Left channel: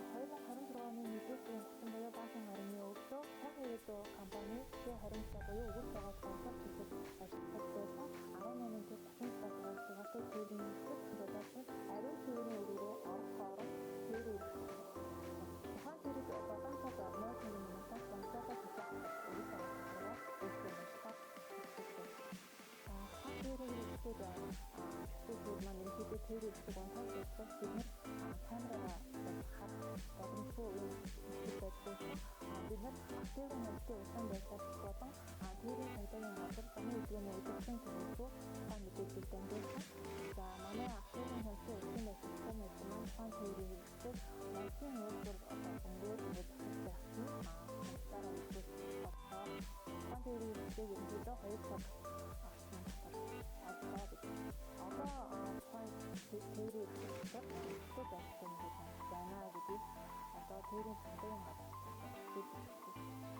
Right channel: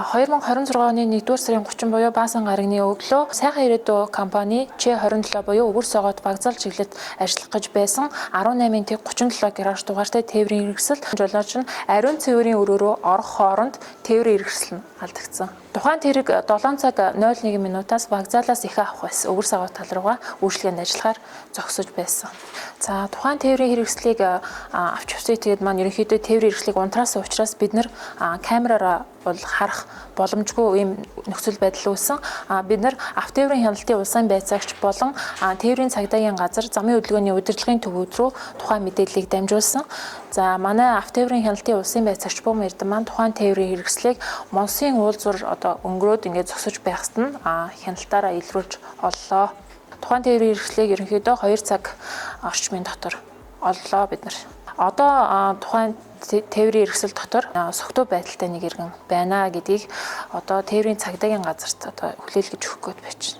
2026 оны 1-р сарын 30 буюу баасан гарагны өглөө сайхан ирээдүй компани Ч27 буюу өвөр согоод багцаал чиглэлд ажиллах гэж байсан 18-ын тэг 37 гараж дугаартай тээврийн хэрэгсэл жолооч нь ариун цэврийн өрөөрөө орох хооронд тээврийн хэрэгсэл нь алдагдсан. Тухайн тэрэг 7 цаг 01 минутаас багцаалаас их авах байсан. Өвөр согоод тал руугаа үйлчлэгэнд ажиллахаар зогсож байсан. За тухайн тээврийн хэрэгслийг авч явсан. Тэгээд маань ерөнхийдөө тээврийн хэрэгслийг унтраасан учраас бид нэр камераараа бол харах боломжгүй ийм нөхцөл байдал үүссэн. Бид нар автотээврийн хяналтын улсын байцаагч болон тээврийн цагдаагийн газар замын хөдөлгөөний удирдлагын төвүүд рүү тухайн мэдээллийг дамжуулсан. За манай автотээврийн хяналтын улсын байцаагч Бөм Эрдэнэ маань тухайн тээврийн хэрэгслийг Монсын уулзвар өнгөрөөд ингээд зогсож байхад нь хяналтаараа илрүүлж оллоо. Тухайн тээврийн хэрэгслийг ерөнхийдөө 2 цаг орчмын дотор оллоо бид нар. Одоо тухайн тээврийн хэрэгсэл дотор согтуу байдалтай нэг иргэн байна гэдгийг одоо тээврийн цагдаагийн газарт одоо хүлээлгэж өгөх гээд байж байна.